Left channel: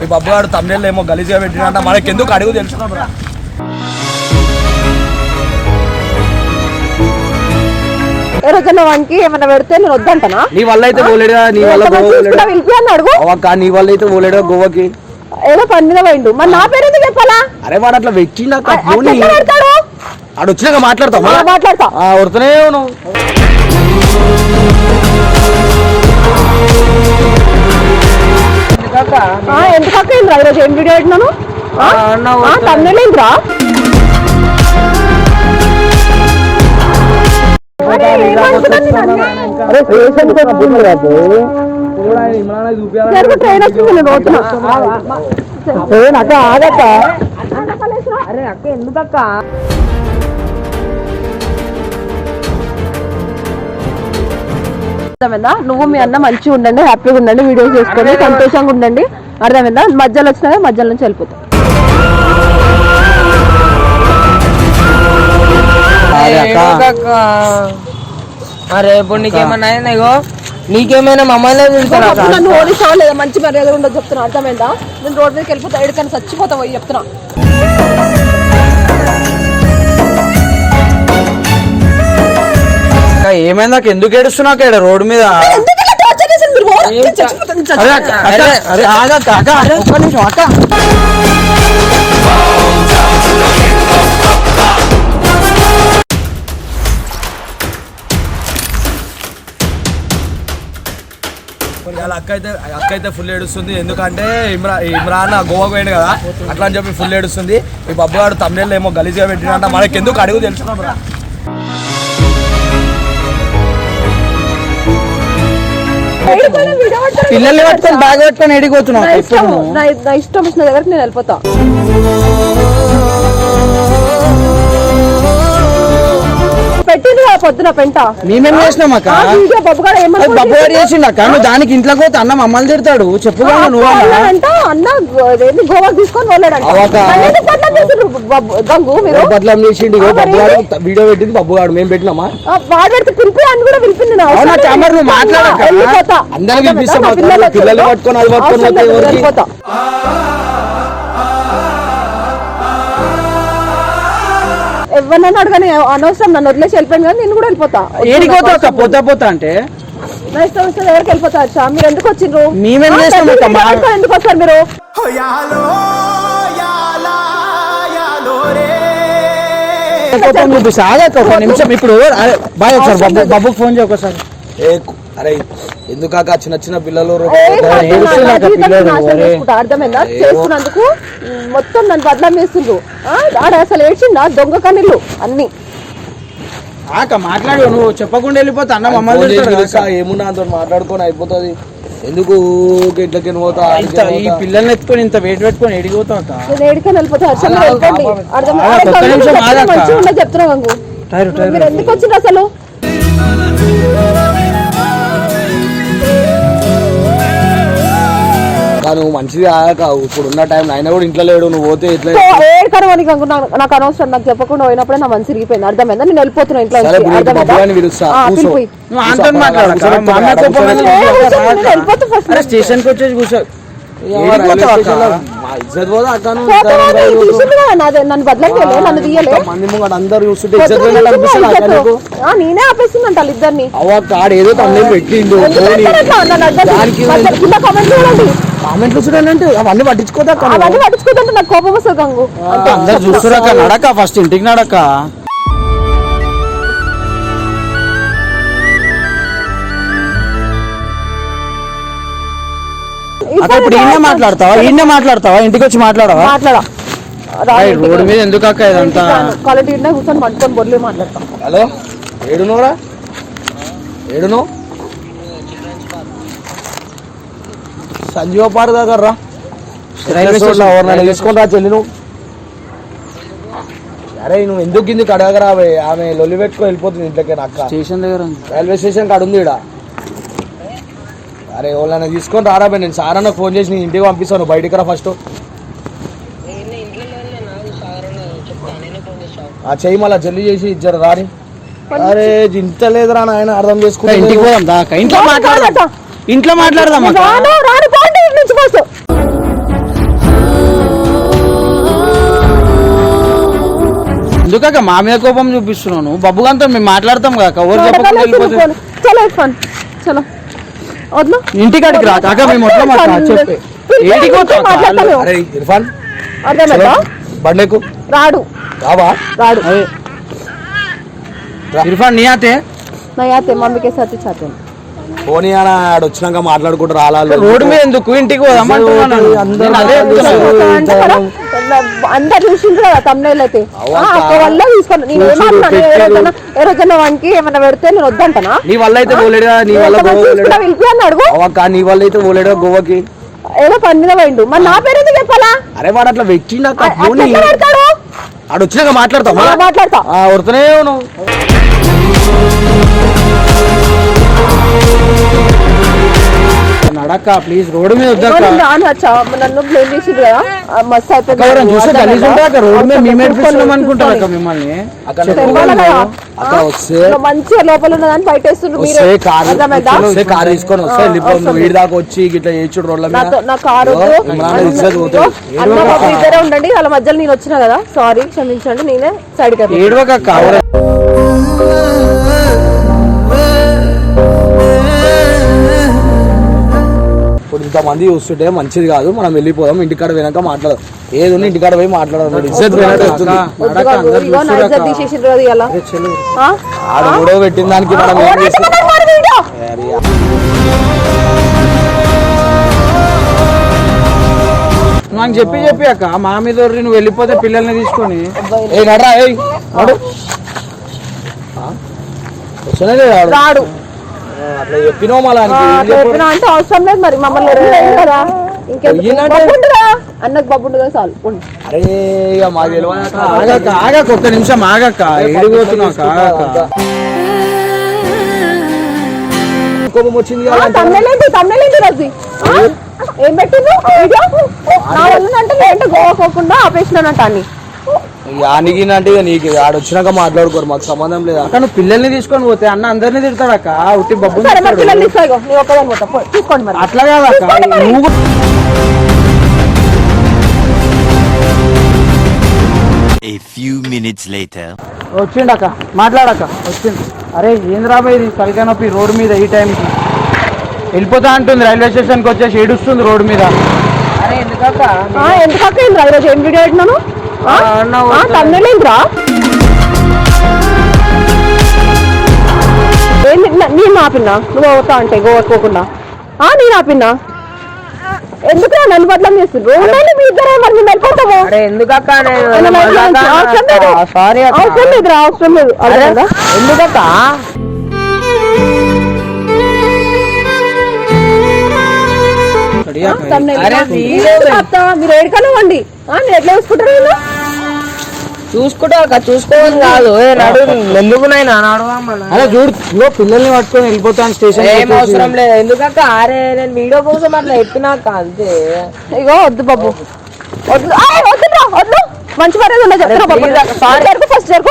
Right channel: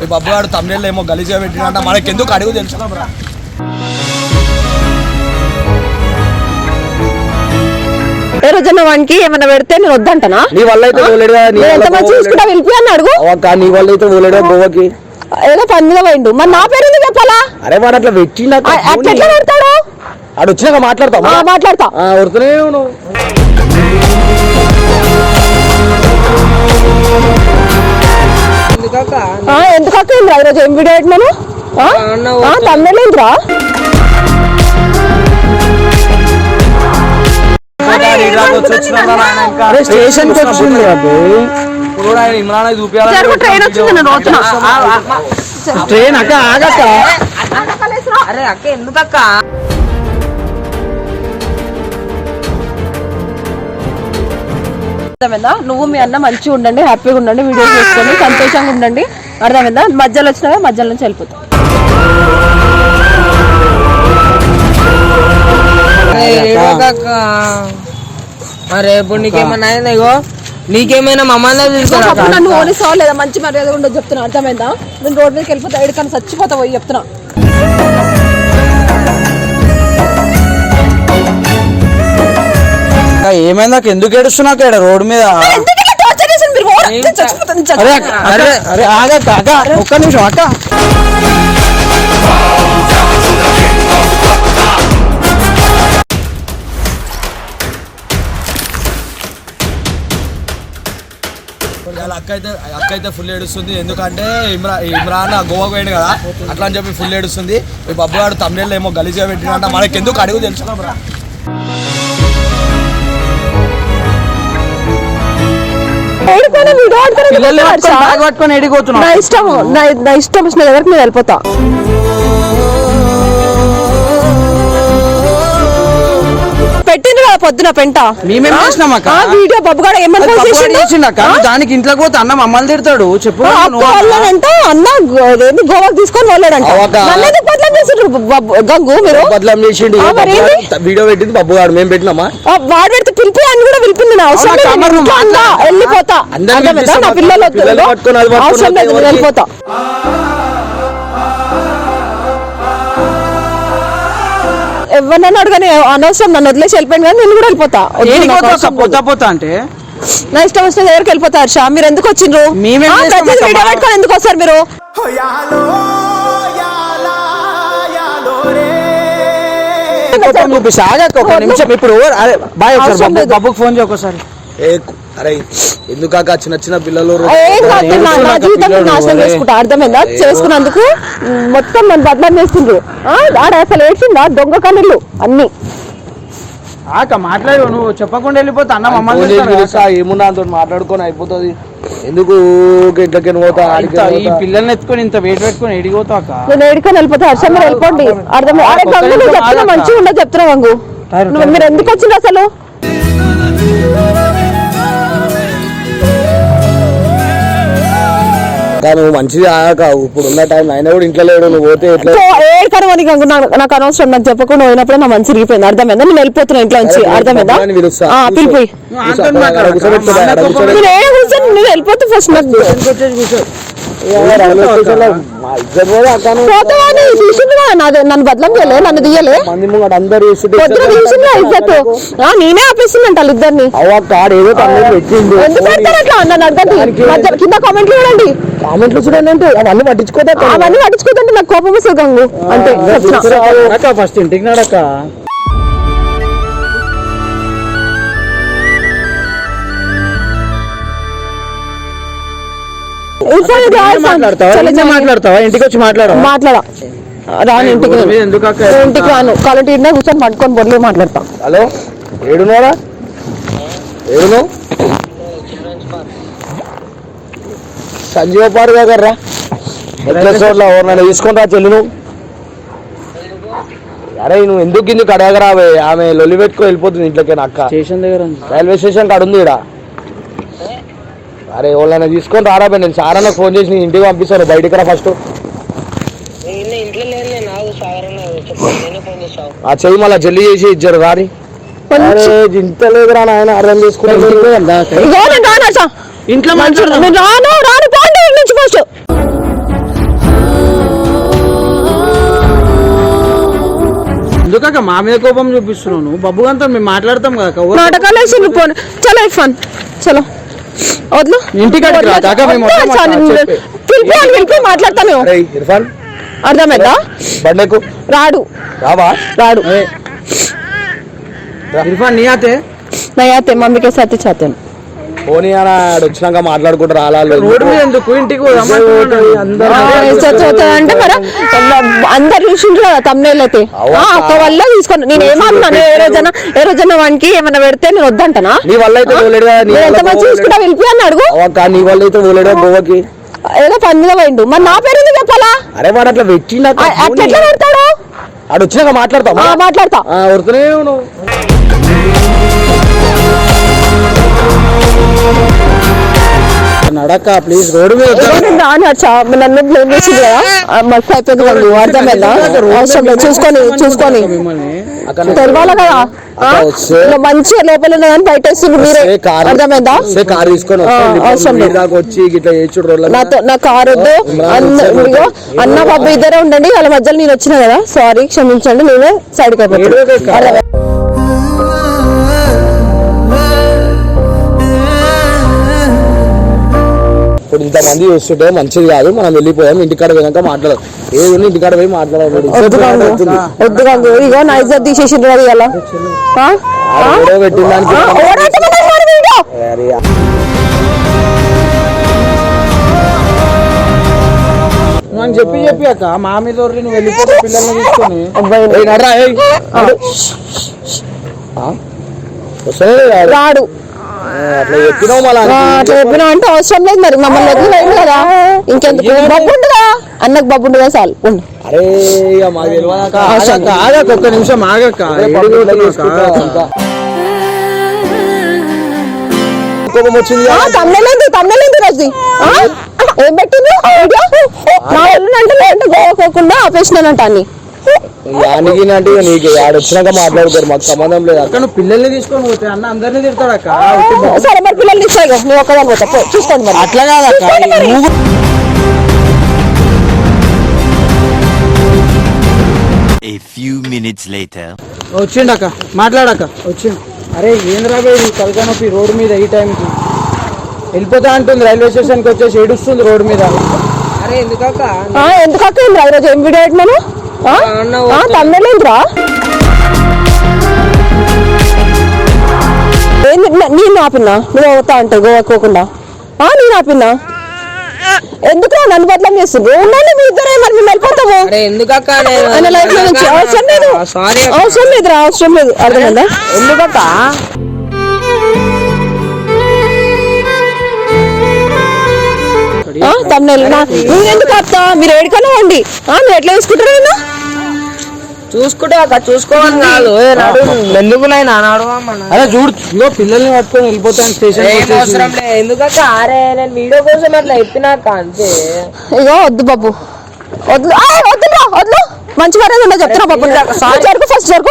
మీ బాబు గారు తమిళ ఏమో గలీజ్గా పెట్టినంట, మనకి ఎందుకు అడుగు తెలుసుకున్నాం రా. ఏ రోజున వానికి ఏమైనా పెడితే నేను వద్దంటనా? నీ వల్ల అయితే పోలేడుగా, నీ వల్ల నీ వల్ల అయితే పోలేడుగా గోవాకి. ఏదో పని మీద పోయిండు, మరి నా పేరు ఎందుకు చెప్పాలా? అరే వాడు అట్లా పెట్టినాక ఆడు వచ్చినాక మాట్లాడతాం, మాట్లాడతా వరుతూనే నువ్వు. ఎందుకు ఈరోజు ఏం వీడియో పెట్టినాను? తమిళేంద్రా స్టేషన్ ట్రైన్ అక్క ఆగక్క. అరే అక్క ఎందుకక్క? అర్థమైందా? నువ్వు మీ అన్న మంచిగా ఉండండి, హ్యాపీగా ఉండండి, వీడియోస్ చేసుకొని సంతోషంగా ఉండండి. అర్థమైందా? మధ్యలో వచ్చినా మధ్యలో నుంచి వెళ్ళిపోతా. రేపు నీకేమన్నా ఇగో నీకేమైనా మమ్మల్ని నన్ను ఓడిస్తావా లేదా? మంచి మర్యాద ఉండదు చెప్తున్నా. అర్థమైందా? నేను రోడ్ మీదకి వెళ్ళిపోతా, ఎక్కడికన్నా చచ్చిపోతా పోయి చెప్తున్నా. ఏమైందా? ఎందుకు ఏడుస్తున్నాక రోడ్డు మీద? అరే ఆగక్క అక్క, ఒక్క నిమిషం అక్క. అక్క అయితే ఫుల్ ఏడుస్తుంది, ఎందుకంటే ఇమ్రాన్ గోవాకు పోయాడు కదా, అట్లా అని చెప్పి ఫుల్ ఏడుస్తుంది. మీ బాబు గారు తమిళ ఏమో గలీజ్గా పెట్టినంట, మనకి ఎందుకు అడుగు తెలుసుకున్నాం రా. పిల్లల్ని పట్టుకొని బ్యాగ్ పట్టుకొని ఎడిపోతున్నావు. నా ఇష్టం వచ్చిన దగ్గరికి నేను వెళ్ళిపోతా. పొద్దున పెంట మేమేం చేసినాం అక్క? బబ్బుగాడు చేసిండక్క. నువ్వు దానికి ఇంట్లోకి పోతే అన్న మమ్మల్ని తిడతాడు. చెప్పు నువ్వు అన్న గోవాకి తీసుకొని వెళ్ళాడంట. బదలం చేసిండు, వీడియో పెట్టింది బబ్బుగాడు, మేము పెట్టినామా? వాడు పెడితే పిలిపి అని కూడా పిలిపింది. నువ్వు మాట్లాడతా, అందరిని పిలిపిస్తాం. పిల్లల్ని పట్టుకొని అది పట్టుకొని వెళ్ళిపోతా. ఎవరినైనా అడగానే అనవసరం, నన్ను వదిలేసి వెళ్ళిపోయింది కానీ నేను కూడా వెళ్ళిపోతా. పోతా అంటే నా ఇష్టం వచ్చిన దగ్గరికి వెళ్ళిపోతా. హర్ష, మీరు ఎందుకు వచ్చిండ్రు? మేమేం ఎందుకు వస్తారు మీరు? ఒక నిమిషం ఇప్పుడు బాయ్ ఒకసారి బాబుకి ఫోన్ చేయ ఒకసారి. అరే ఎందుక చిన్న చిన్న పిల్లలు అర్థమైందా? చేసుకున్నందుకు మొత్తం మన బదలం వేస్తుండ్రు. అసలు వేసిందా దొంగ కన్నులు అన్ని. మాట్లాడు, నువ్వు చెప్పకుండా వెళ్ళిపోతా అన్న మమ్మల్ని ఏమున్నా అంత మాట్లాడుకొని అయిపోతుంది. ఎందుకు ఇంట్లోకి పోతా? ఈ పిల్లల్ని ఎత్తుకొని ఇంత వెయిట్ పెట్టుకొని ఎడిగిపోతా అక్క. నేను ఎడుకొని వెళ్ళిపోతా. హర్ష మీరు వెళ్ళిపోండి. మంచిగా ఉండదు చెప్తున్నా. మీరు ఎందుకు వచ్చింది అసలు? నువ్వు మంచిది ఆక, ఇప్పుడు ఉన్న టైం ఆయన కూడా ఇంట్లో లేడు, నువ్వు పోతే ఎట్లా? నాకు అనవసరం, నాకు చెప్పకుండా పోయినప్పుడే నా మంచి రిగిపోయింది. అర్థమైందా? నేను వెళ్ళిపోతున్నా ఇంట్లో నుంచి. వెళ్ళిపోతే ఫస్ట్ స్టేషన్కి వచ్చేసి కూర్చో. నన్ను బదలం చేయలే, నన్ను తీయలే. నేనే ఆపేస్తుందంట ఇద్దరిని. ఏదో తమిళ పెట్టిండు, కామెంట్లు చూడాలంటే అవన్నీ పట్టించుకోదంటే నాకు కోపం వస్తుంది గంగు. అంటే ఫస్ట్ ఇంటికి నాడక్క. మాట్లాడతావా? ఇంటికి వచ్చి మాట్లాడవా? ఎందుకు కూర్చొని పట్టుకొని బొర్లు మాట్లాడతా. హలో, ఏడునోరా? ఏడునో? సంజీవ పార్క్ దగ్గర రా. ఎవరినైనా తీసుకొని రా చెల్లి. అరే నువ్వు ఎందుకు ఇందుకు అడగరావే? ఆమె లొల్లి పెట్టుకొని వెళ్ళిపోతుంది ఇంట్లోకి. అక్క స్టేషన్ దగ్గర రైల్వే స్టేషన్ కాడ ఉంది. అరే ఎవరైనా తీసుకొని రారా. నేను సారన్న ఫోన్ చేసి నీ ఇంటికి పంపిస్తాను. బయటికి రా ఫస్ట్. ఆ చెయ్యి మళ్ళీ జల్లి చేసి ఇచ్చారు రాని. అరే ఇంత లేదురా నాయన, అర్థం చేసుకుంటా. ఇంటికి ఇంట్లో మాట్లాడదాం. ఎందుకక్క మా మీద కోపం చూపిస్తున్నాను? బబ్బుగాంతో మేము మాట్లాడతాం కాక నాటకాలు వేసి చలో ఇర్ఫాన్ చలో వద్దు ఇంటికాడికి రా కాక మేము వద్దాం అక్క చెప్పి మాట్లాడతాను అరే ఇర్ఫాన్ అర్థమైందా? బండెకు రాడు రావా రాడు అదే ఇర్ఫాన్ నీ ఆతే నయాతే మమ్మీకే సాథ్ చాతే हैं పోనీ అని ఆడు వచ్చినాక మాట్లాడుకుంటూ రాలాలి రోడ్డు మీద ఎందుకు ఇంటికి పోదామంటున్నాను అందరు చూసిండ్రు కదా తమ్ముళ్ళు అయితే అక్క వల్ల తీసుకోండి. నేను ఏమన్నా ఏ రోజన్నా వానికి ఏమన్నా పెడితే నేను వద్దంటనా? నీ వల్ల అయితే పోలేడు కదా, నీ వల్ల చూసుకుంటా వెళ్ళి అని అడుగు. నీ వల్ల అయితే పోలేడు గోవాకి. ఏదో పని మీద పోయిండు, మరి నా పేరు ఎందుకు చెప్పాలా? అరే వాడు అట్లా పెట్టినాక పెడతాడు ఆడు వచ్చినాక మాట్లాడతాం మాట్లాడతా వరుతూనే నువ్వు నడక ప్లీజ్ రోడ్డు మీద నన్ను బ్లేమ్ చేసింది కదా మస్తు మంచిగా లోపల బయట కారు తీసుకొని వస్తే దాకా వచ్చి ఇట్లా ఏచుడు రోడ్ల నా కారు అన్న బాబు ఇద్దరే ఉండండి, వాళ్ళ మధ్యలో నేను వచ్చినా కదా, సారీ క్షమించండి, నేనే సైడ్కి అయిపోయాను. ఇప్పుడు ఇంతమంది చూస్తుంటే మంచిది కాదు, మనం వెళ్ళిపోయాం. ఇంటికాడ పోయినాక మాట్లాడదు, ఏది ఇంటికాడ పోయి మాట్లాడదు. తీసేసిండ్రు అది ఎలా ఆడ గొడవ పెట్టిన దానికి నాకు చెప్పి అక్క మా మీద నువ్వు వెళ్ళిపోతే పిల్లల్ని తీసుకొని నడరా రాడు. అట్లా చెప్పినావు చెప్పినా అంటే అవసరం లేదు, మరి మమ్మల్ని కదా ఇంకెందుకు అన్నకు బాబు ఉండగా చాలు. అరే మాకు తెలియదాక ఆగక్క ఒక్క నిమిషం ఆగక్క కోపం వచ్చింది. ఏం పెట్టింది అంటే గోవాకోకుండా ఆపేసినానంట అన్ని యానికి అంటే నీకు ఆడ వచ్చినాక మాట్లాడుకోరు, మాకు సంబంధం లేదు. అక్క నువ్వు పిల్లల్ని తీసుకొని పోతే అన్న అందరినీ తిడతాడు అక్క. చూసుకోండి అట్లా కాదక్క నువ్వు A few minutes later. వచ్చిండక్క మాట్లాడక వచ్చిండు. అరే ఏం రాబోయేది కలిగినప్పి రోడ్డు మీద ఈ టైంకి వెళ్ళిపోతా అంటుంది, రైల్వే స్టేషన్కి వచ్చేసి ఏడుస్తుంది రోడ్డు మీద. అరే ఎందుకక్క ఈరోజు ఏం వీడియో పెట్టినాను తమ్ముళ్ళేంద్రా నేను ఆపిన్నా నువ్వు అవుతా అంటే గోవాకోకుండా నేను ఆపిన్నా ఎందుకు నన్ను బట్లం చేస్తుంది మీ ఇద్దరే మరి మేము వెళ్ళిపోతాము. అవసరం లేదు అవసరం లేదు అర్థమైందా? ఎందుకక్క మీరు ఏడుకనే ఉండి మీరు ఎట్లా చూసుకుంటారా? చూసుకుంటా అక్క చూసుకోవని కాదు ఎందుకు నైనా అలా చూడు పిల్లల్ని పట్టుకొని వెళ్ళిపోతాను స్టేషన్ అవసరం లేదు. ఎందుకక్క అరే నేను వీడియో కోసం అట్లా చెప్పినాక అంతే. ఇగో వద్దు బాబు వద్దు వద్దు మంచి మర్యాద ఉండే చెప్తున్నా బాబు. ఫస్ట్ జరుగు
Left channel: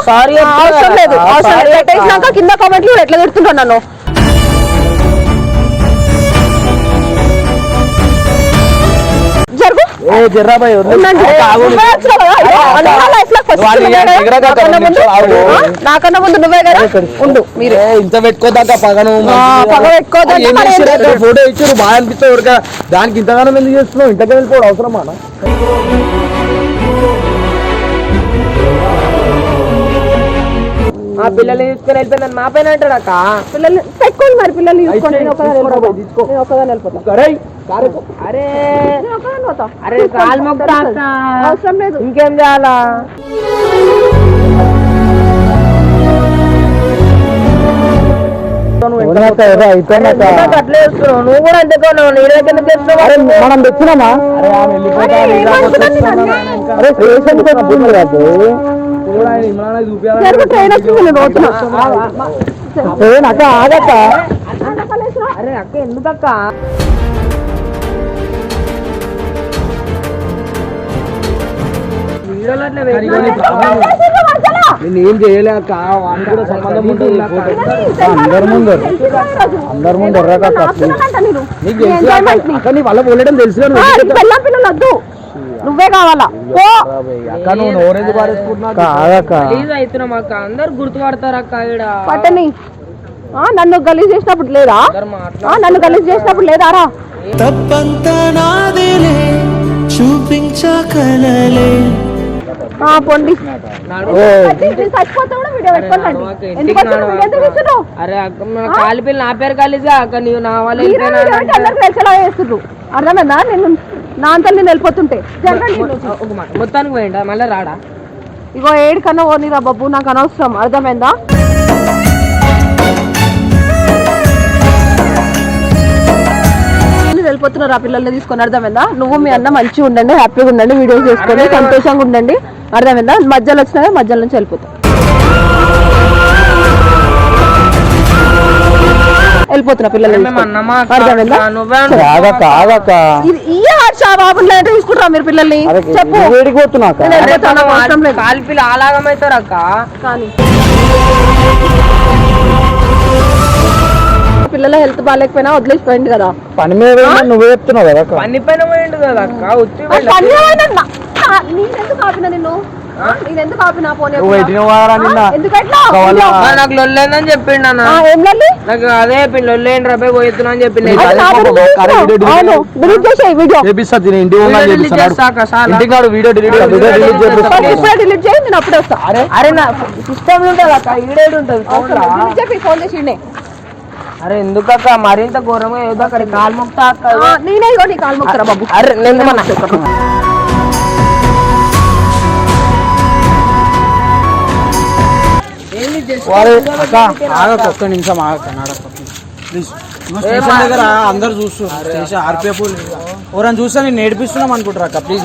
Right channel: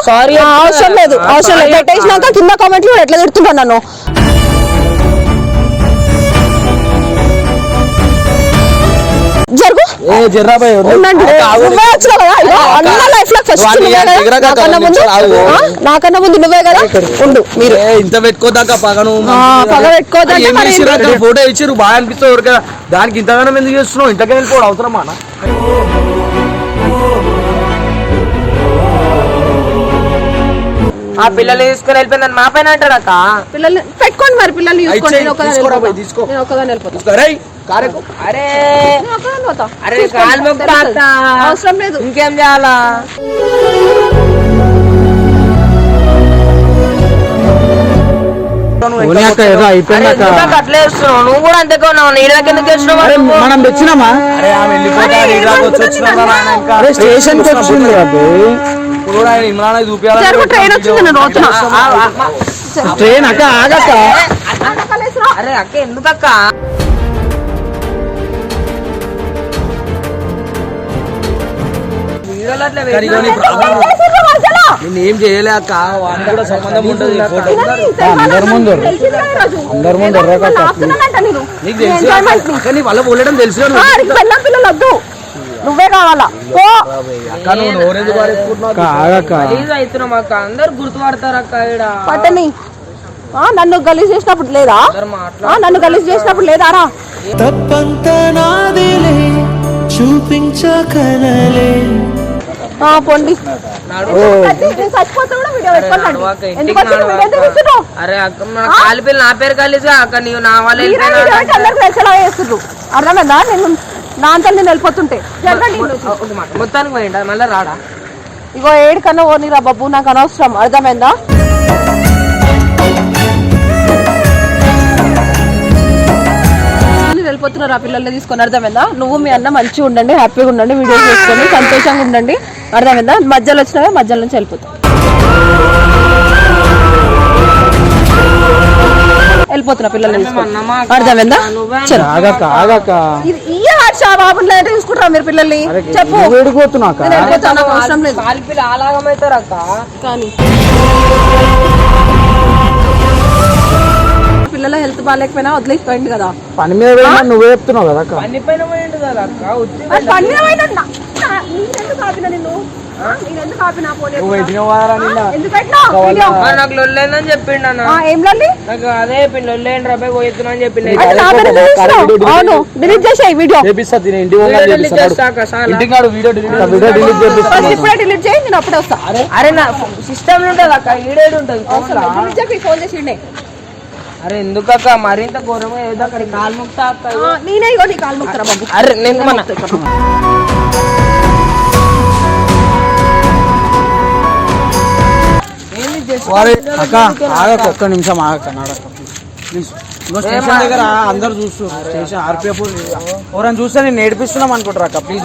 అవసరం లేదు అవసరం లేదు పెట్టేసినాక కింద కామెంట్లు ఎట్లా తిడుతున్నాను నన్ను. నాకన్నా ముందు నువ్వే కదా ఉండు. మీరు ఇంత పెట్టుకోదాకా పగను ఫోటో ఇచ్చి బాగా అనిపిస్తావు దానికి ఇంతగానో ఎందుకు చేస్తున్నావు? ఇంతకే వెళ్ళిపోవడం అవసరమా? ఆ పిల్లల్ని తీసుకుని వెళ్ళిపోయిందని మా పైన అంటాడు అక్క. పిల్లల్ని పెట్టుకోండి మరి పిల్లల్ని అవసరం లేదు ఇంకేం చేయాలా? అట్లే చేస్తున్నావు నువ్వు కూడా అంతే కొన్నావు. నీ దగ్గర ఎందుకు చేస్తున్నావు? మనం తెచ్చినామా స్టేషన్ ట్రైన్ వచ్చింది ట్రైన్ అక్క ఆగక్క. అరే అక్క ఎందుకక్క వీడియోలో అట్లా నేను ఏం చేయలే అక్క, వానికి కూడా సంబంధం ఉంటుంది. ఫోటో నీకు తెలుసు వాళ్ళ పోలేడం తెలుసు. పిల్లలు వద్దు నువ్వే కావాలా పో. గలీజ్ అవుతున్నాం అక్క, అందరు గుర్తుపడతారు అక్క ఈడ. పట్టని నన్ను గలీజ్ చేసినప్పుడు లేదా? నన్ను గలీజ్ చేసినప్పుడు లేదా రా? తప్పంతా నాదేలే చూపించకలలే. పోండి చచ్చిపోతా కూడా వీడియో పెట్టుకోండి. ఎందుకు వచ్చిన అరే అక్క మన కాలిపిల్ల నా పేరు కలిసి అక్క నీవు నా వల్ల వెళ్ళిపోయినా చేస్తుండ్రు. అర్థమైందా? నేను నా అంతా నేను వెళ్ళిపోతుంటే జరగండి. ఒక మాట మొత్తానికి పోయిండా మళ్ళీ రాడా? ఇగో ఏడు కన్నా ఓనిరా బాబు, నాకు అనవసరం. అర్థమైందా? వెళ్ళిపోతున్నారు ఆ పిల్లల్ని తీసుకొని. అర్థమైందా? నువ్వు మీ అన్న మంచిగా ఉండండి, హ్యాపీగా ఉండండి, వీడియోస్ చేసుకొని సంతోషంగా ఉండండి. అర్థమైందా? మధ్యలో వచ్చినా మధ్యలో నుంచి వెళ్ళిపోతాం. వెళ్ళిపోతున్నా పిల్లల్ని తీసుకొని. అర్థమైందా? తీసుకుంటారా మీరు పిల్లల్ని? చెప్పు. నేను వెళ్ళిపోతాను, నాకు అవసరం లేదు. కాలిపిల్ల అలాగమవుతారు అక్క. కానీ పిల్లల హెల్త్ బాగాలేకపోయినా వదిలేసిపోయింది కదా. పని మీద నువ్వే చెప్తున్నావు కదా. పని పైన పోయిండు కదా అక్క. పని నేనెందుకు ఆపినా నిన్ను? నేనెందుకు ఆపినా? నాకు లొల్లేందని చెప్పిండు అన్న. ఏం లొల్లి? నాకు అదే లొల్లేండి రాబోయే పోతున్నా అని చెప్పిండు. డిలీట్ చేసేయి వీడియో. ఇప్పుడే డిలీట్ చేయి, నేను అప్పుడే వస్తా. అరే నా సిస్టమ్ ఉంటుంది అక్క, ఈడేడు ఉంటుంది. చెప్పి ఫోన్ చేసి. అరే ఎందుకక్క మరింత ఘోరంగా ఏదో అక్కడ కాలు మొక్తా అక్క. నేనే ఇగో నీ కాలు మొక్తారా బాబు. అరే నేను మన ఒక్క నిమిషం ఆగక్క, నడక ప్లీజ్. దగ్గర అందరు చూస్తున్నారు స్టేషన్ ఆర్పిఎఫ్ ఎవరైనా చూస్తే నేను నేర్పిస్తున్నాం అనుకుంటారు అక్క. ప్లీజ్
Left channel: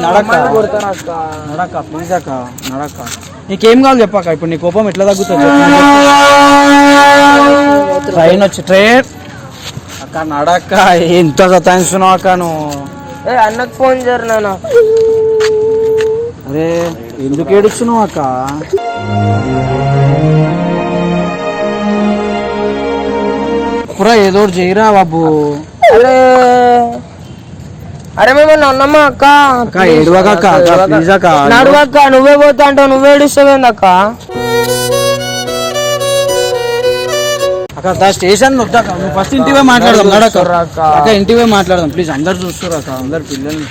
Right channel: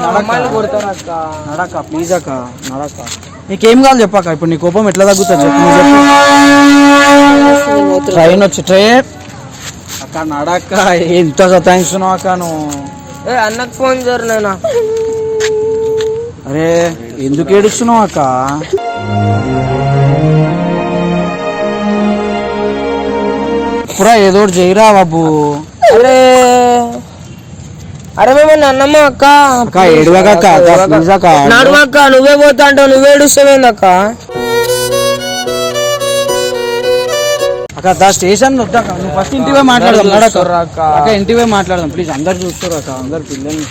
కొడతారు అక్క. నడక ప్లీజ్ అక్క, నడక. నీకేం కావాలి చెప్పక్క? ఇప్పుడు నీ కోపం ఎట్లా తగ్గుతుంది? ట్రైన్ వచ్చి ట్రైన్ అక్క, నడక. ఎంత సతాయిస్తున్నావు అక్క నువ్వు? అన్నకు ఫోన్ చేయరు నేను. అరే ఎందుకు ఏడుస్తున్నావు అక్క? పురా ఏదో చేయరా బాబు. అరే అరే మిమ్మల్ని అన్నమ్మా అక్క. ఏడువక ప్లీజ్ అక్క. నడువక్క, నువ్వే పోతా అంటావు, నువ్వే ఏడుస్తావేంది అక్క? అక్క స్టేషన్ ఫస్ట్ ఇంటివే మాట్లాడదాం. అక్క ఇంటివే మాట్లాడదాం ప్లీజ్. అందరు చూస్తారు అక్క, అందరు పిల్లల్ని.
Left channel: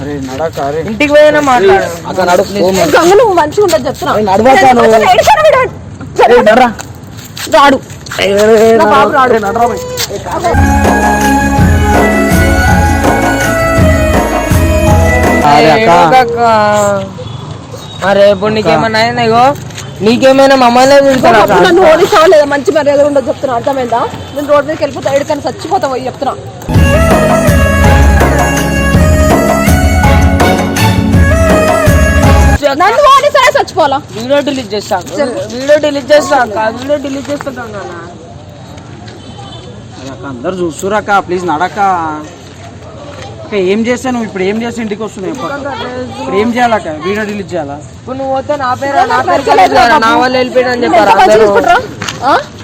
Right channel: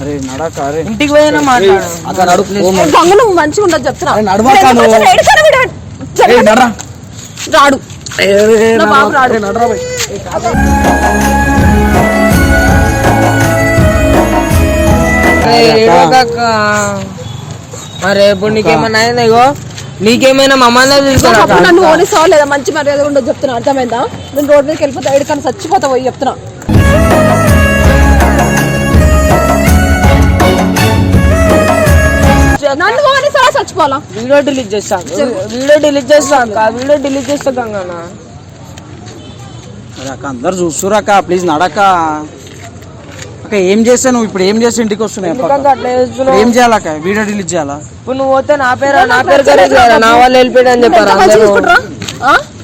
అరే నడక. అరే ఇంటికి పోయినా మాట్లాడు. నువ్వు మంచిగా ఉండదు చెప్తున్నా. రాడు అరే ఇప్పుడు నీకేమన్నా అయిందా? ఇగో నీకేమైనా మమ్మల్ని చూసాను. నన్ను ఓడిస్తావా లేదా? మంచి మర్యాద ఉండదు చెప్తున్నా. అర్థమైందా? నేను రోడ్ మీదకి వెళ్ళిపోతా, ఎక్కడికన్నా చచ్చిపోతా పోయి చెప్తున్నా. నన్ను ఓడిస్తావా చచ్చిపోవాలా? వీడియో డిలీట్ చేస్తా, వీడియో డిలీట్ చేస్తా అక్క, వీడియో డిలీట్ చేస్తా గంగనా. అక్క అందరు చూస్తురు అక్క, ప్లీజ్ నడక. అక్క ఏం చేస్తా నువ్వు ఇప్పుడు? ఏం చేస్తే ఇంటికి వస్తున్నాయి? ఏం చేయాలక్క? వీడియో డిలీట్ చేయాలా? ఇప్పుడు నువ్వు పోతే నా పేరు నా వాళ్ళు వెళ్ళిపోయాడు అని చెప్పారు.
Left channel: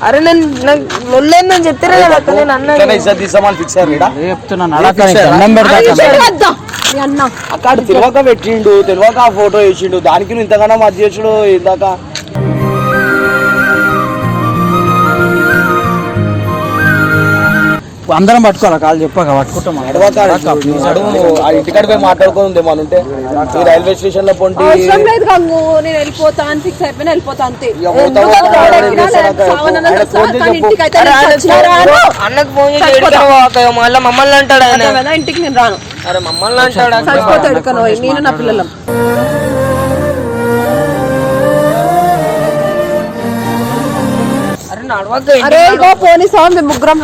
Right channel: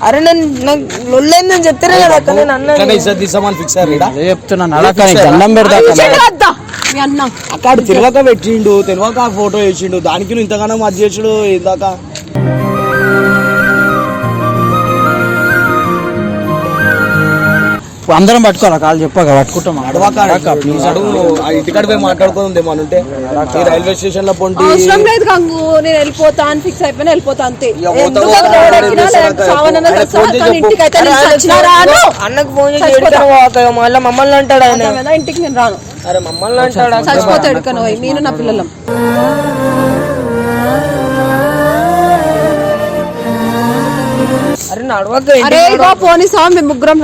అరే నన్ను చెప్తారే కదా అక్క. నేను అన్న చెప్తున్నా నడక. దండం పెడతా అక్కడ తెలియక పెట్టిండు, తెలియక ఫోటో వేసిండు, దానికి నువ్వు ఇంతగానో మధ్య చేసుడు ఇందాక. అందరం పట్టుకోరా కాళ్ళు చెప్పాక పట్టుకుంటాం. ఇంటికాడ పోయి మాట్లాడుకుంది ఏమన్నా ఉంటే రైల్వే స్టేషన్ లో పొంటి. నేను వెళ్ళిపోతా అని ఫిక్స్ అయిపోయినా వెళ్ళిపోతా అంతే. అన్నకు ఫోన్ చేసి మళ్ళీ మమ్మల్ని అంటాడు ఆయన. ఇంటికి నేను రాను. అరే మమ్మల్ని అంటాడు. నేను నా పిల్లలం. అరే ఇగో పోనీ మేము ముగ్గురం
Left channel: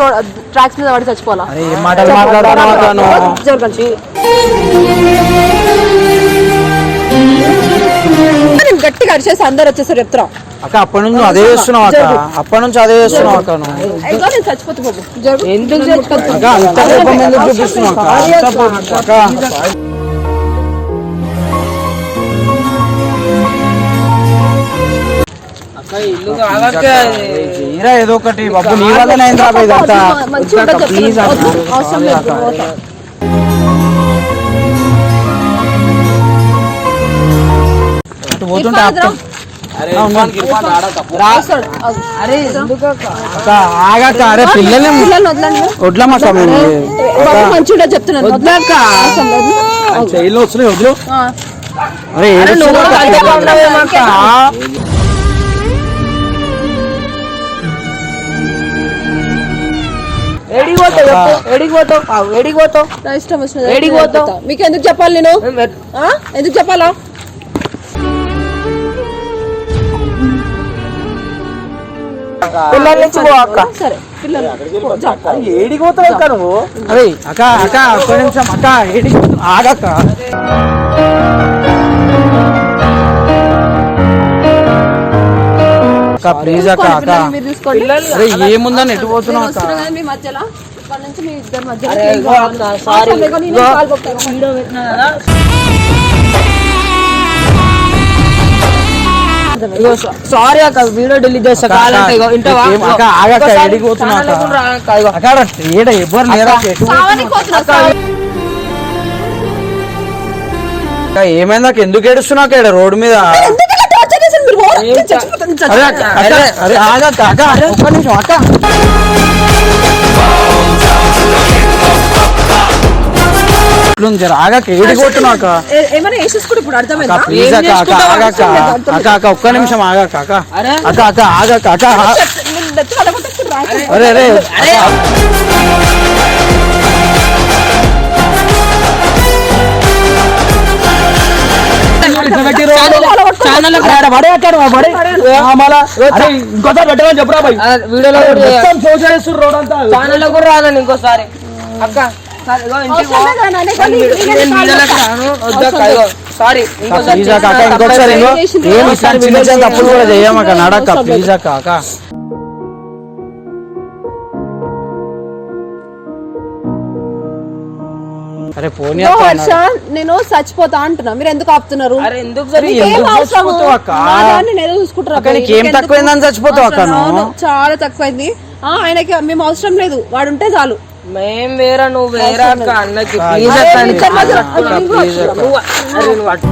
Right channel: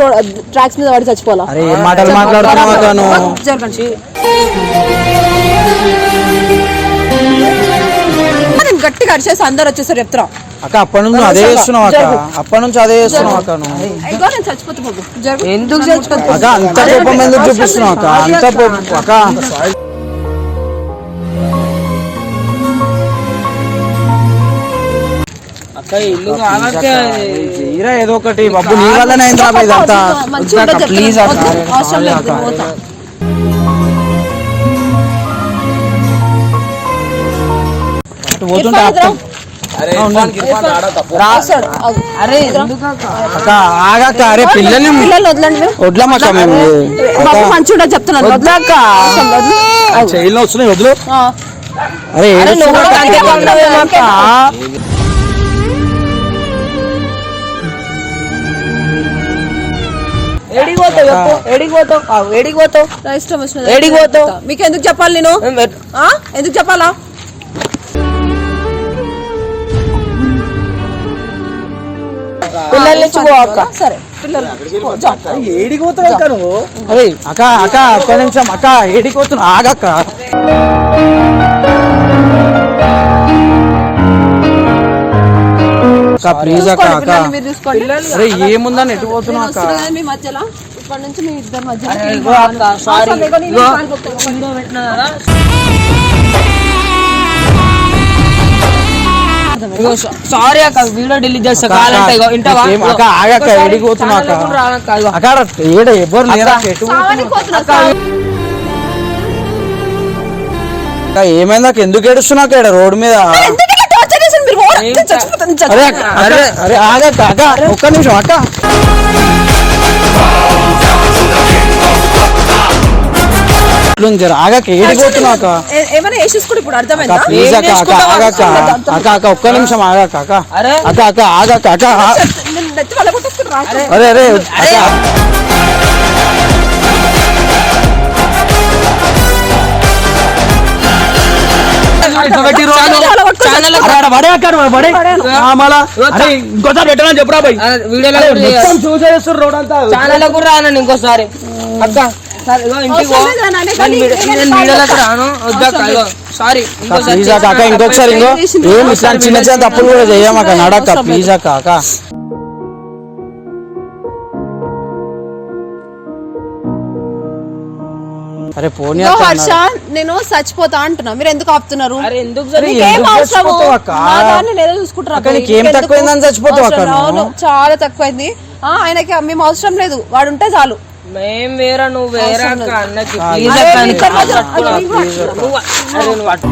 ట్రాక్స్ మీద పడి చచ్చిపోవాలా? అరే ఏం మాటలు మాట్లాడుతున్నావు? గట్టిగా అరిచేసి అందరు వచ్చేసారు చెప్తున్నా అక్క. అప్పటి నుంచి అదే చేస్తున్నావు అక్క, అప్పటి నుంచి అదే చేస్తున్నావు అక్క. నువ్వు నేను చచ్చిపోతే ఎందుకు చచ్చిపోతా అంత కోపం ఎందుకు చూపిస్తున్నావు అక్క? అంత అక్క ఏదో ఒకటి బాబు, నీ వల్లనే అయింది రా ఇదంతా. ప్లీజ్ అటు పోతుంటే ఆపుతాం. అరే ఇర్ఫాన్ రాడా తప్పు. అరే ఎందుకు అక్క ఆగక్క, అరే పిల్లల్ని వడ్లమ్మక్క మేము. మంచిగా చెప్తున్నాను వద్దాక జైల్లో వస్తున్నాయి వదిలే. అరే ఏడిపోతావు నా ఇష్టం వచ్చినది. ఏడికి పోతావు? మీకు ఎందుకు చెప్పాలి నేను? ఎందుకు చెప్పాలా? పిల్లల్ని నుంచి పో అక్క. సరే ఏడికి పోతావు అక్క నువ్వు? అరే అక్క అక్క ఒక్క నిమిషం అక్క, ఏడికి పోతున్నావు? ఆగక్క. అక్క ప్లీజ్ అక్క అక్క. మీరు చూసుకోండి. అరే ఏముందని ఎటు పోతున్నావు అక్క? వస్తున్నాయి మీ మధ్యలో ఇప్పటి నుంచి మీ ఇద్దరి మధ్యలో అరే, ఏం ఇగో కావాలి? అక్క, సారీ. అవసరం లేక నేను ఇగో. కాలు పట్టుకోను. వీడియో పెట్టినా కదా. ఇగో సారీ అక్క, వీడియో డిలీట్ చేస్తా. కావాలంటే ఇగో ఇంటవా? అక్క ఆగక్క, ఒకసారి ఏడికి పోతున్నావు ఛానల్ అక్క? కూడా రానక్క, ఇగో. అక్క ఏడ ఎవ్వరు లేరా? ఎటు కావాలని పోతున్నా. అక్క ఏమైంది అక్క? ఎందుకు ఏడుస్తున్నావు అక్క ఈడ రోడ్డు మీద? ఎందుకు ఇలా torture చేశారు మీరు? ఏం చ- చచ్చిపోతాను, అరే అక్క అక్క, అరే ఆగక్క అక్క, ఒక్క నిమిషం అక్క. ఇట్లుంది జర ఆగక్క, ఏడికి పోతున్నావు అక్క? ఏమైనా వేసేసుకోండి ఇప్పుడు అక్క అర్థమైందా? ప్లీజ్ అక్క అక్క ఆగక్క అక్క అక్క ఒక్క నిమిషం ఆగక్క అక్క అరే. అక్క అక్క ఆగక్క అక్క. నేను నెత్తి వల్ల కొట్టేసుకుని రా. అరే అరే అరే ఛానల్ ఇంకోసారి పెట్టమని చెప్పరా బాయ్. వీడియోలో ఛానల్ కూడా రాను ఇంకోసారి అక్క. సరే, ఇగో ఇంటికి పో. అవసరం లేదా నాన్న? నేను వీడియోలోకి రాను, వద్దక్క, ఇగో సారీ. ప్లీజ్ అక్క అక్క ఇంకొకసారి ఇంకో ఏం ఇట్లా చిన్న చిన్న తప్పులు కూడా చెయ్యమక్క, నడక్క ప్లీజ్ అక్క అక్క. అరే పోనీ అక్క హర్ష, నేను చచ్చిపోతా అంటున్నా, మీరు ఎందుకు ఆపుతున్నారు? అరే ఎందుకు అరే, ఎందుకు చచ్చిపోతావు అక్క? నేనే చూసుకుంటున్నా. అక్క, నీకేం తక్కువైందని చచ్చిపోతావు అక్క నువ్వు? అవును, చాలా తక్కువైంది. ఆయనకి మేము అవసరం లేదు, వాడు ఉంటే చాలు. మేం వేరా, నువ్వు వేరా అక్క. అన్నకి ప్లీజ్ అక్క, నీకు నువ్వు అరే నువ్వు అట్ట.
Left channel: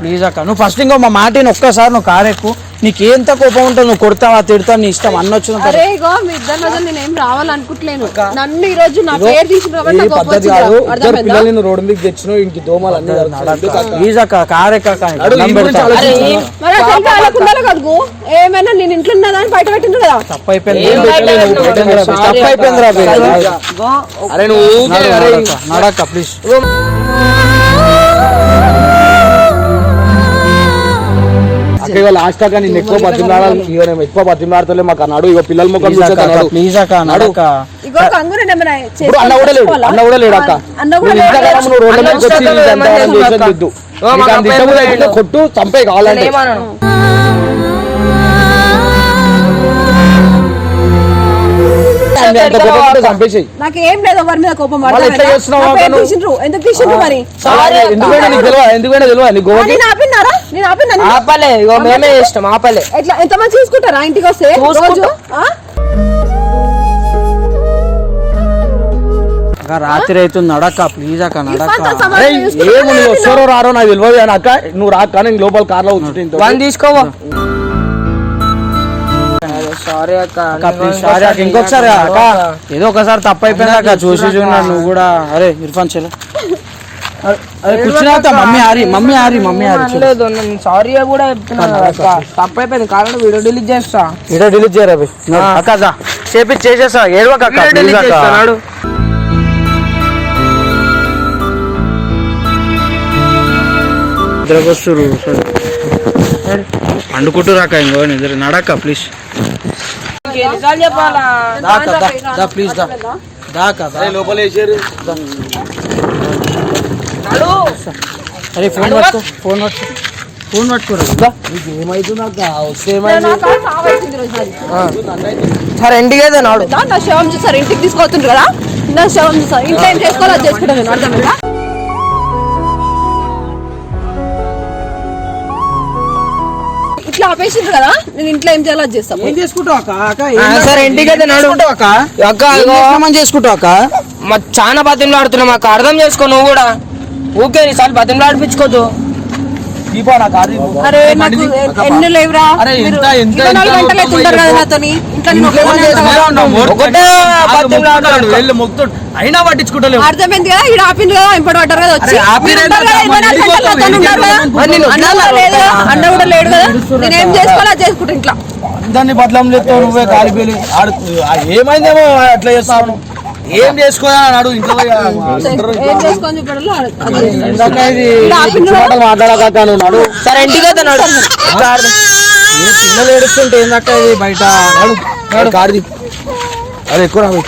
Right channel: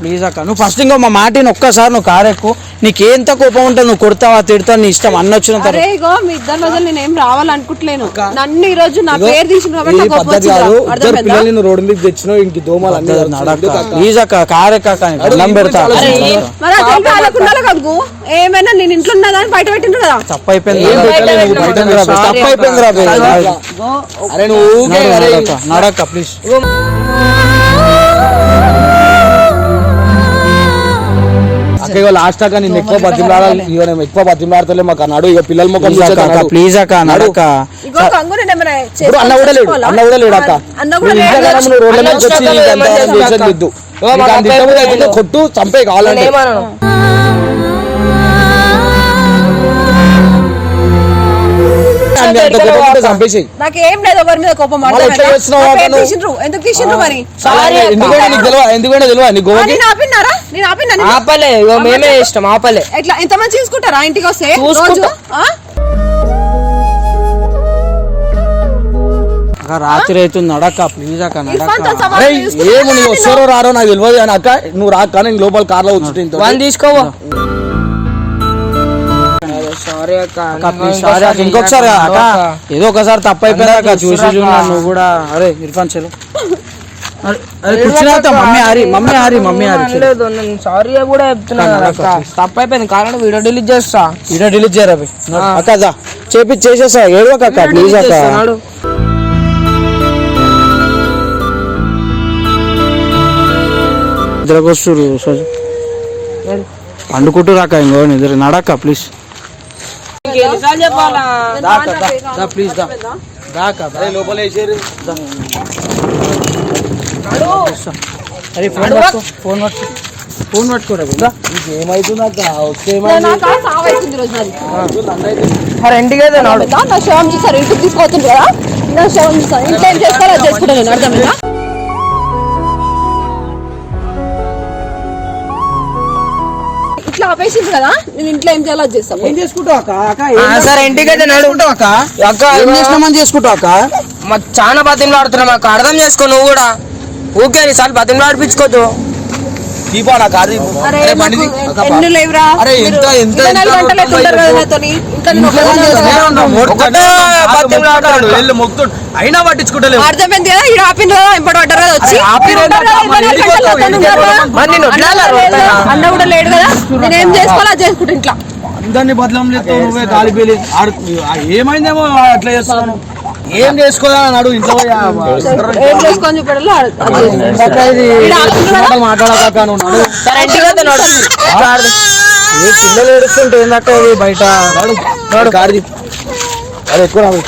ప్లీజ్ అక్క నువ్వు ఫస్ట్ ఇంకో మా మాటిని ఒక్కసారి నువ్వు కారెక్కు. నీకేం కోపం ఉంటే నువ్వు కొడతావా తిడతావు, నీ ఇష్టం అన్న వచ్చిన అరే ఇగో మీ ఇద్దరి మధ్య నేను ఏం రావాలనుకుంటలేను. నన్ను ఈ రోజు నా పేరు తీసిన కాబట్టి ఈ నాకు కోపం పద్ధతి కాదు. వచ్చిందా? ఇద్దరు అర్థమైందా? పిల్లల్ని నువ్వు రోడ్డు మీద తెచ్చినావు, ఇంక దోమలు అన్ని ప్లీజ్ అక్క కారెక్క అడుగు, ఈ గురించి ఆలోచించు. మరి ఆ తెలిపి వాళ్ళకు ఉండాలి కదకు. ఏమైనా నేను ఇంట్లో ఉన్నా కానీ బయట పెట్టిండ్రు కదా. తప్పు అయిపోయింది తప్పు అయిపోయింది రా అరే నువ్వు ఊరికే అరే నడక్క ప్లీజ్. అక్క ఇవాళ లాస్ట్ దాకా నేను ఎక్కువ బతిమలాడాలి, ఇక నేను ఎక్కువ బతిమలాడతలే మాకు అన్నాడు. ఇక పిల్లల ముఖం చూసేది ప్లీజ్ అక్క నడక్క. ఇగో కంగుని ఏమైనా ఇప్పుడు అన్న కూడా లేడు, అన్న కూడా లేడు అక్క. అన్న నువ్వు కూడా ఇంట్లో కాలం నువ్వు రోడ్ల మీదకి వచ్చి ఇంతవరం చేసేది వద్దు. నీకు అంత ఇష్టం అయితే కొట్టు చంపే కావాలంటే. ఏమన్నాను? అంత కోపం ఉంటే చంపేసేయి. నాకేం లేదు ఎవరి మీద కోపం. మళ్ళీ ఎట్లా చేస్తున్నావు అక్క నువ్వు? ఎందుకు తీసిండ్రు మరి? ఎందుకైనా నీకు తెలియదు, ఎందుకైనా తెలియదు నీ గోవకి. నేను ఆపినారా? నేను ఆపినా? ఆపలే, ఇగో మేమే ఇష్టం ఆపలే. ఎట్లా ఎంత మంది చూసుకుంటారా ఇంటికి వస్తే చూసుకుంటా. రోజు? ఆ? అక్క రాత్రి అవుతుంది నడక్క ప్లీజ్ అక్క ఇర్ఫాన్తో నడక్క. సమాధానం అరే చూసుకుంటారా ఏమో నువ్వు వస్తారో రారో నాకు తెలియదు కానీ అక్క నువ్వు రాక కానీ లోపల కార్లో వచ్చి వన్ తీసుకోవా. సారీ అక్క, అక్క ప్లీజ్ సారీ అక్క ఇంకొకసారి అక్క ఏదో ఒకసారి తప్పు అయిపోయింది అక్క చూసి చూడన్నా నువ్వు కూడా. అరే ఇర్ఫాన్ చలో. అరే కూర్చున్నా మమ్మీ ఆరి చలో. లేదు నేను సారీ కూడా చెప్తున్నా. తప్పైపోయింది, కారణం వీడియో డిలీట్ చేస్తా. వీడియో డిలీట్ చేయరా బై. అక్క దా చేసేసా ఏడవక అక్క వీడియో ప్లీజ్ delete అక్క. చేస్తాను. ఇద్దరు సరే పండుకుంటూ రాక ఇంకో నిద్ర నడక్క ప్లీజ్. ఎన్నిసార్లు చెప్పాలా? ప్లీజ్ దాకా లోపల వేసారు. అరే ఫోన్ పట్టుకోరా. ఏమైతుంది అక్క వస్తే నా కాడ సావు అవుతుంది రోజు మరి. సరే ఇంటికి అయితే నాడు. నా శవం చూసారు ఇంటికి తీసుకొస్తుండ్రు కదా. నా శవం చూసారు ఇంట్లో ఏం చేసుకోవాలో అది చేసుకుంటాను నేను. అర్థమైందా? ఇట్లా ఆపేసిండ్రు కదా, నేను ఇంట్లో ఏం చేయాలో అది చేస్తాను. ఏం చేసుకుంటావు అక్క? అక్క సరే ఇంటికి అయితే నాడు. అక్క అక్క ఏం చేసినామని చేసుకుంటావు అక్క? చాలా బతిమలు ఆడుతున్నా మాకు అర్థం చేసుకో నువ్వు కూడా ఊకే ఈసారి బతిమలు ఆడిపించుకోద్దు దీపా నా కారు దీపు. అరే నాకు ఎన్ని లేవురా అరే ఎంత ఎంత 24 గంటలు అవుతుంటారు కదా నాతోని ఇంకా నేను ఒక్కదాన్నే కదా. ఒకటే బతిమలు ఆడుతున్నాడు. వెళ్ళి మొక్కుతాడు అయినా పట్టించుకుంటలేవు. అర్థమైంది కదా ఈడ ఆపిన ఇంపటి పడ్డారు కదా వచ్చి అరే ఆపిన మీరు ఉంటారు కదా, 24 గంటలు నాతోని ఉంటారు కదా. మరి నేను అన్న వదలాలా కూడా లేదు కదా, అన్న కూడా లేడు కదా నేనేం చేసుకోవాలో అది చేసుకుంటా ఇంట్లో అందరినీ బదలం చేస్తావు నువ్వే కాలిపోయి ఆడు ఏమైందేమో అట్లా చేస్తాను ఏం చేసుకోదా అని అడుగు ఇంట్లో పోయి ఏం చేసుకొని చూపడంలో మాట్లాడక సరే ఇంటికి పోతున్నాడు పిల్లలు ఏడుస్తుంటే ఏందక్క ఇది బయట కారు అది ఎక్కువ రాదు